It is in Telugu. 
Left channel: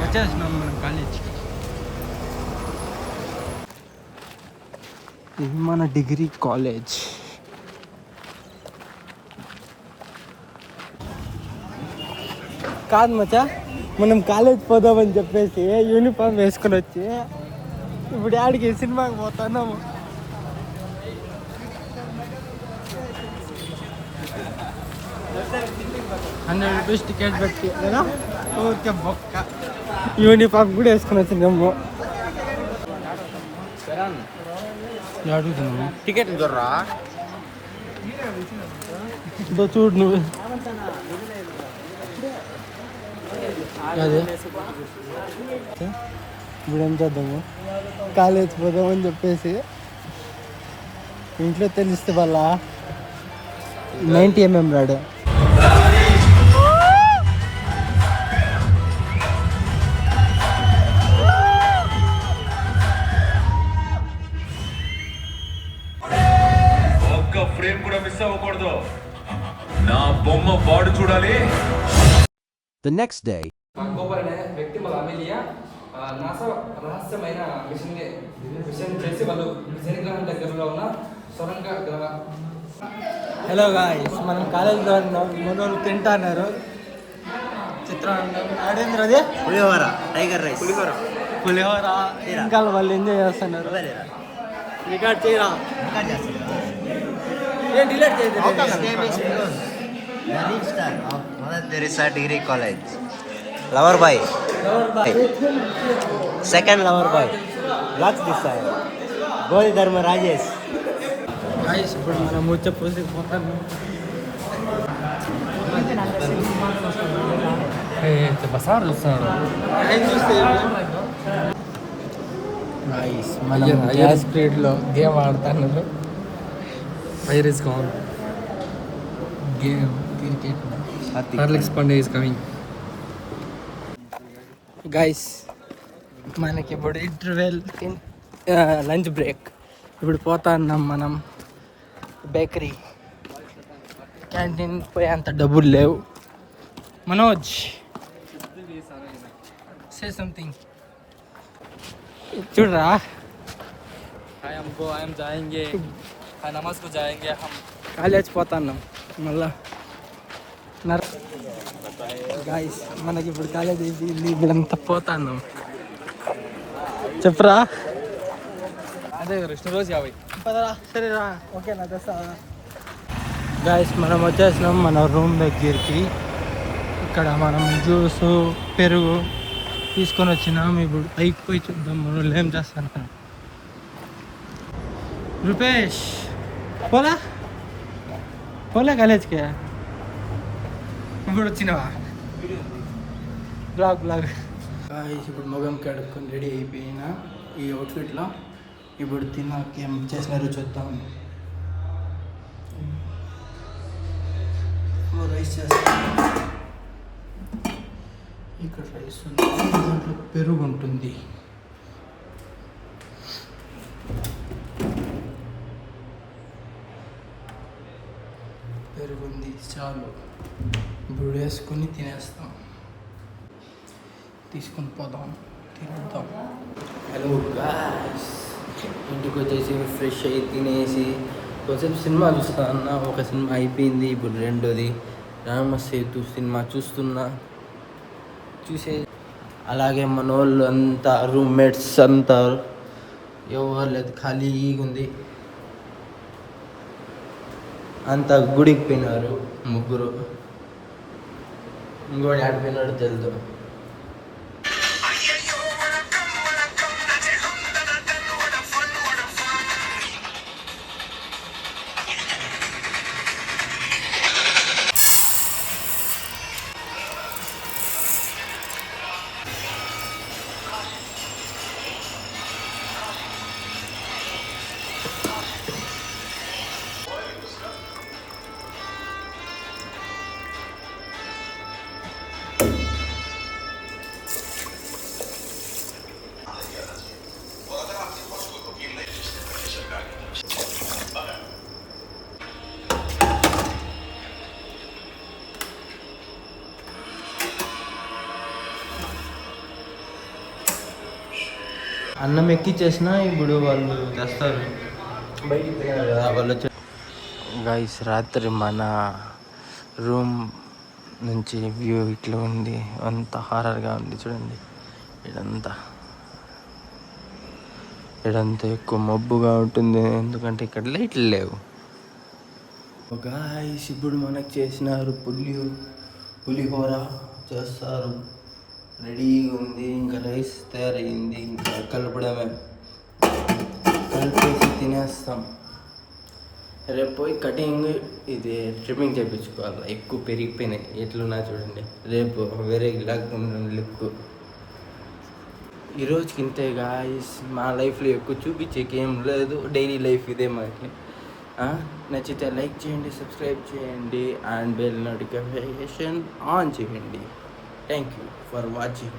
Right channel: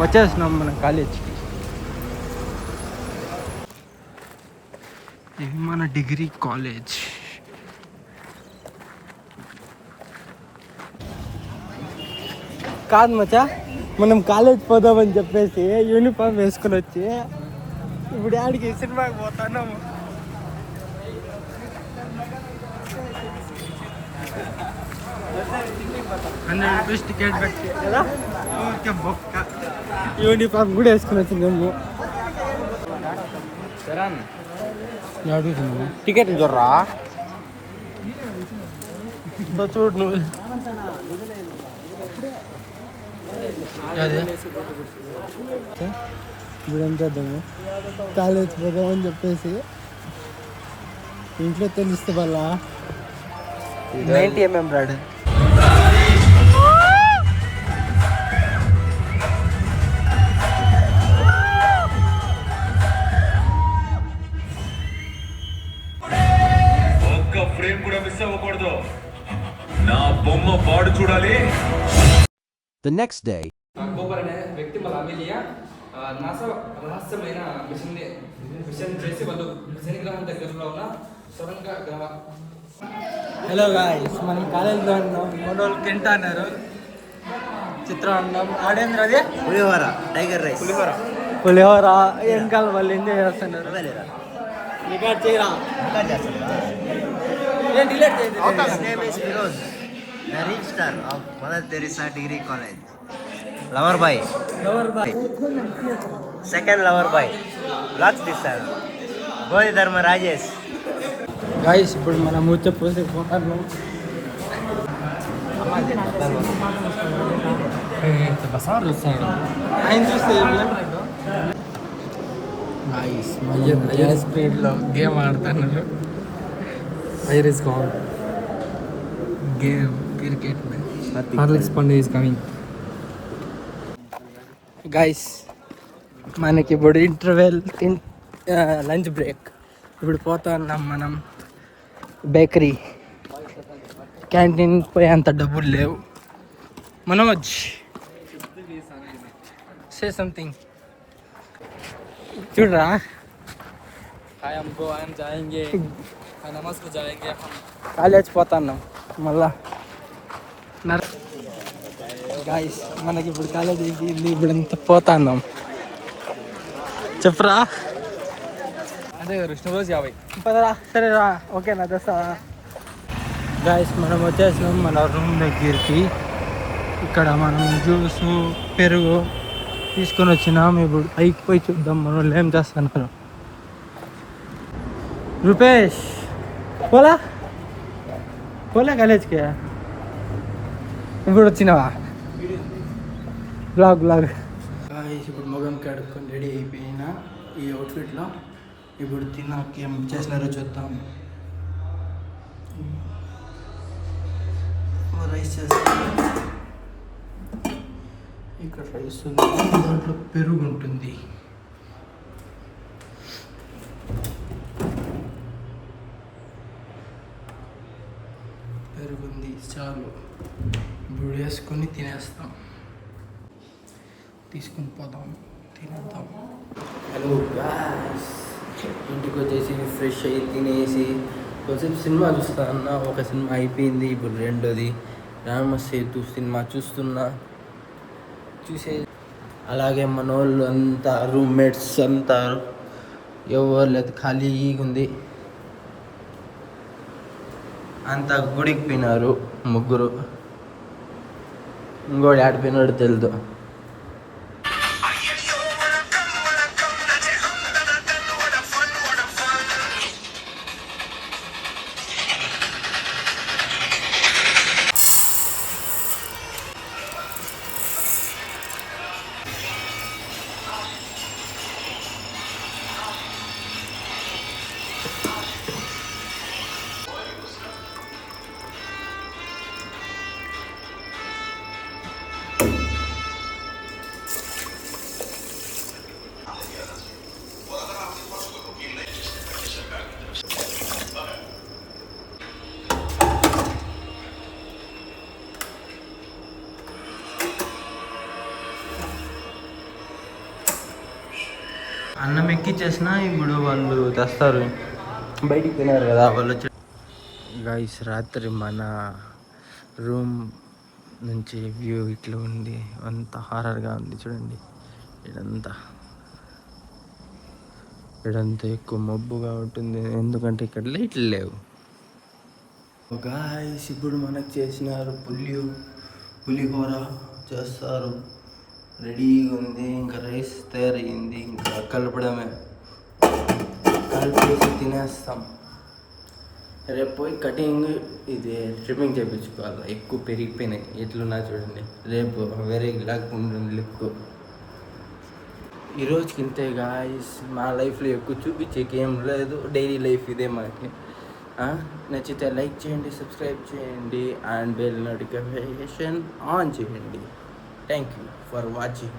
వచ్చేసినాం మన కాలేజ్కి. ఇది మన డిగ్రీ కాలేజ్. కాదు మచ్చా, మనం కాలేజ్ పోదామని చెప్పేసి యూనిఫామ్ వేసుకొని వచ్చి ఇప్పుడు ఆడికి సినిమాకి పోతున్నాము. ₹100 టికెట్ పెట్టి ఊరికే బొక్క. యూనిఫామ్ కూడా వేసుకొని వచ్చినాము. అడుగుతున్నాము టికెట్ చూడరా చూడు నువ్వు. ఇప్పుడు ఏం చేద్దాము, కాలేజ్ పోదామని చెప్పేసి ఇంట్లో తెలిస్తే వాళ్ళ 90 mm రాడు. ఒక్క ఫ్రేమ్ కూడా మిస్ అవ్వకూడదు. నా బొమ్మ పాడు చూడాలి. The next day, గోపాల్ అనే వ్యక్తి మళ్ళీ అమెలియా నాసా రహస్యమైన మిషన్ చేసి వాళ్ళు శనిగ్రహం దగ్గరలో ఉన్న సొరంగ గ్రహ. హలో గాయ్స్, మనం కాలేజ్లో ఉన్నాం. తింటున్నారు చిత్రాన్నం. ఆడేంద్ర అది పులిహోర, టైగర్ రైస్, పులిహోర. వెనకాల వాళ్ళు ఎంజాయ్ చేస్తున్నారు. రికార్డ్ చేయరా, ఏం డిలీట్ చేయదు. His name is Vinod, the lead star of Mother Teresa Degree College. Lover boy, second lover boy. Locks this time. Goli Dharma Rajesh. Guys, ఇప్పుడు మనం ముచ్చపోసి పోతాను. గాయ్స్, మనం గ్యాస్ స్పీడ్లో గేమ్ ఆడుతున్నాడు. Iris call game cricket. Horlicks పండే ఈస్ కమింగ్. గాయ్స్, మనకి ఇప్పుడు ఇంటర్వెల్, లంచ్ బ్రేక్. ఇప్పుడు పోతా ఉన్నాం మనం బేకరీ. క్యాంటీన్ పోయి అంత డబ్బులు లేవు. Manoj, say something. చూడరా, జాయింగే నమాజ్కు జాయింగే హమ్. కాలేజ్ పోతున్నాం మళ్ళా. గాయ్స్, మనకి ఇప్పుడు కాలేజ్ అయిపోయింది. ఇప్పుడు అంతా పోతున్నాం. చెప్పరా. అదే రోజు 50. పదరా, సరేరా, ఓకేనా, తెస్తా. గాయస్, మనం వచ్చేసినాం మన రూమ్ దగ్గరికి. ఇక్కడ మనం జ్యూస్, పెరుగు తీసుకొని వచ్చినాం. ఇప్పుడు పైకి పోయి చూద్దాం మన వాళ్ళు ఏం చేస్తున్నారు. రూపేష్, పోలా కాలేజ్కి ఇప్పుడు వచ్చినావా? బ్లాగ్ గాయస్, ఇప్పుడు మొగం కడుక్కొని రెడీ అయిపోయినా ఈ అవుట్ఫిట్లో. ఇప్పుడు తిన్నాక ఏం చేసినారో చూద్దాం. రైస్ చేస్తాం. ఇక్కడ రైస్ ఉంది, దాంట్లో పెరుగు ఉంటుంది. పెరుగు ఉంది, చాలు. ఇప్పుడు వేసుకొని తినేస్తాం. తీసుకొని పోదాం, తినేద్దాం. హలో గాయ్స్, ఇంటికి వచ్చేసి ఫ్రెష్ అయ్యి తినేసి కొంచెం సినిమా చూస్తా అన్న. ఒక సినిమా అయిపోయింది, ఇప్పుడు రెండోది రామసేతు సినిమా చూస్తున్నా. అలాగే మన వాళ్ళు అంతా రూమ్మేట్స్ అంతా ఎవరు లేదు, ఖాళీగా ఉంది. అంతా గుడికి పోయినారు ముగ్గురు. ఇంకోటి ఆడిపోయినాడు తెలుదు. అన్నం ఎక్కిచ్చేసిన ఇప్పుడు వాళ్ళు తెస్తారు బయటికి తినారు కదా వాళ్ళు వచ్చి. గైస్ రాత్రి మన రూమ్ నుంచి వ్యూ ఇట్లా ఉంది, అంత హారర్గా ఉంది చూడండి. ఇడంతా ఎక్కువ మబ్బుగా ఉంటుంది ఎందుకంటే ఇక్కడ లైట్లు లేవు. గాయస్ ఇప్పుడు మనకు చేసినారు పులిహోర చేస్తారు, రెడీగా ఉంది. ఇంకా రైస్ తయారయ్యింది, ఇంకా కలపడమే, కలిపేసి తినేస్తాం. రేపు పోయి కటింగ్ ఇది ట్రిమ్మింగ్ చేయించుకోవాలి, ఎక్కువ పెరిగిపోయినాయి ఎట్లున్నా చూడండి. రేపు వేరే లేకుండా లుక్. ఈరోజుకి ఇంతే గాయస్, మా లైఫ్లో ఎక్కువ చూపించేకి ఏం లేదు, డైలీ లైఫ్ ఇదే మనకి. నచ్చితే లైక్ చేయండి, సబ్స్క్రైబ్ చేయండి అండ్ బెల్ నోటిఫికేషన్ ఆన్ చేయండి. Thank you for watching.